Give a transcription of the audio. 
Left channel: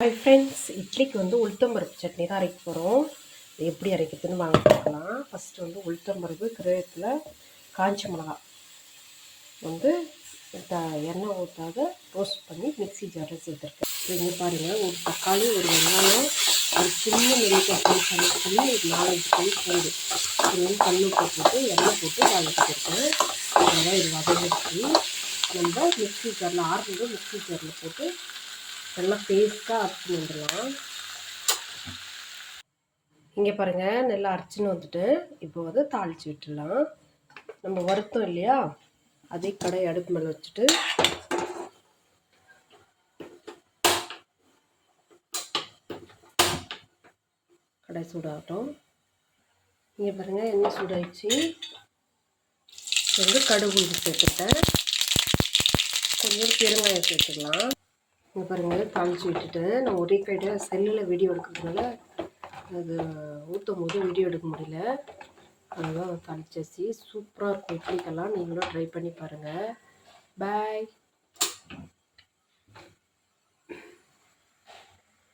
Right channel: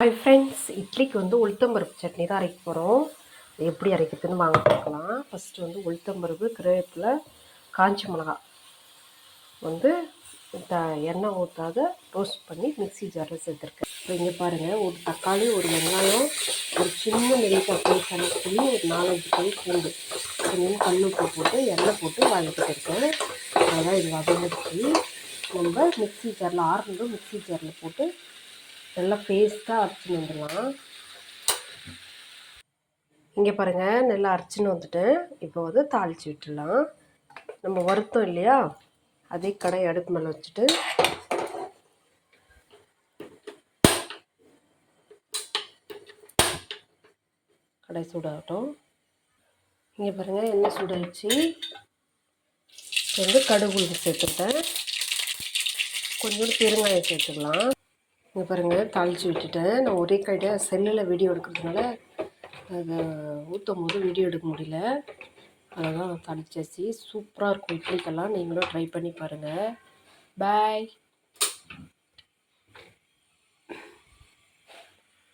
Hi friends, இட்லிக்கு உளுத்தம்பருப்பு சட்னி தான் அரைக்க போகிறோம். எப்படி அரைக்கிறதுன்னு வாங்க பார்க்கலாம். ஃபஸ்ட்டு உளுத்தம்பருப்பு, கருவேப்பிலை, காஞ்ச மிளகா எண்ணெய் ஊற்றாத ரோஸ்ட் பண்ணி மிக்ஸி ஜாரில் சேர்த்துருக்கேன். இப்போ இங்கே பாருங்கள், ஒரு தக்காளி, ஒரு வெங்காயம், ஒரு சின்ன நெல்லிக்காய் பல் பண்ணி ஒரு 4-5 பல் பூண்டு கொஞ்சம் கல்லுப்பு போட்டு எண்ணெய் போட்டு வதக்கிட்டு இருக்கேன். அவ்வளோதான், இது வதங்கிடுச்சு. நம்ம மிக்ஸி ஜாரில் ஆறுனது மிக்ஸி ஜாரில் போட்டு நல்லா பேஸ்ட்டாக அரைச்சின்னு வந்துடலாம். இங்கே பாருங்கள், நல்லா அரைச்சின்னு வந்துட்டேன். இப்போ தாளித்து விட்டுடலாம். நம்ம வறுத்தோம் இல்லையா, அதே கடாய் அடுப்பு மேலே வச்சுட்டு கடாய் சூடாகட்டும். இங்கே பாருங்கள், எண்ணெய் சூடாகிடுச்சு. கடுகு உளுந்து சேர்த்துட்டேன். கொஞ்சம் பெருங்காயம் சேர்த்துக்கலாம். இங்கே பாருங்கள், தாளித்து விட்டுட்டேன். நான் ஒரே கையில் செல்லில் வீடியோ எடுக்கிறதுனால அதை ஊற்றும் போது வீடியோ எடுக்க முடியல. அதெல்லாம் தாளிச்சாச்சு. சூப்பராக இருக்கும் இட்லிக்கெல்லாம். நீங்களும் ட்ரை பண்ணி பாருங்கள். பாய்.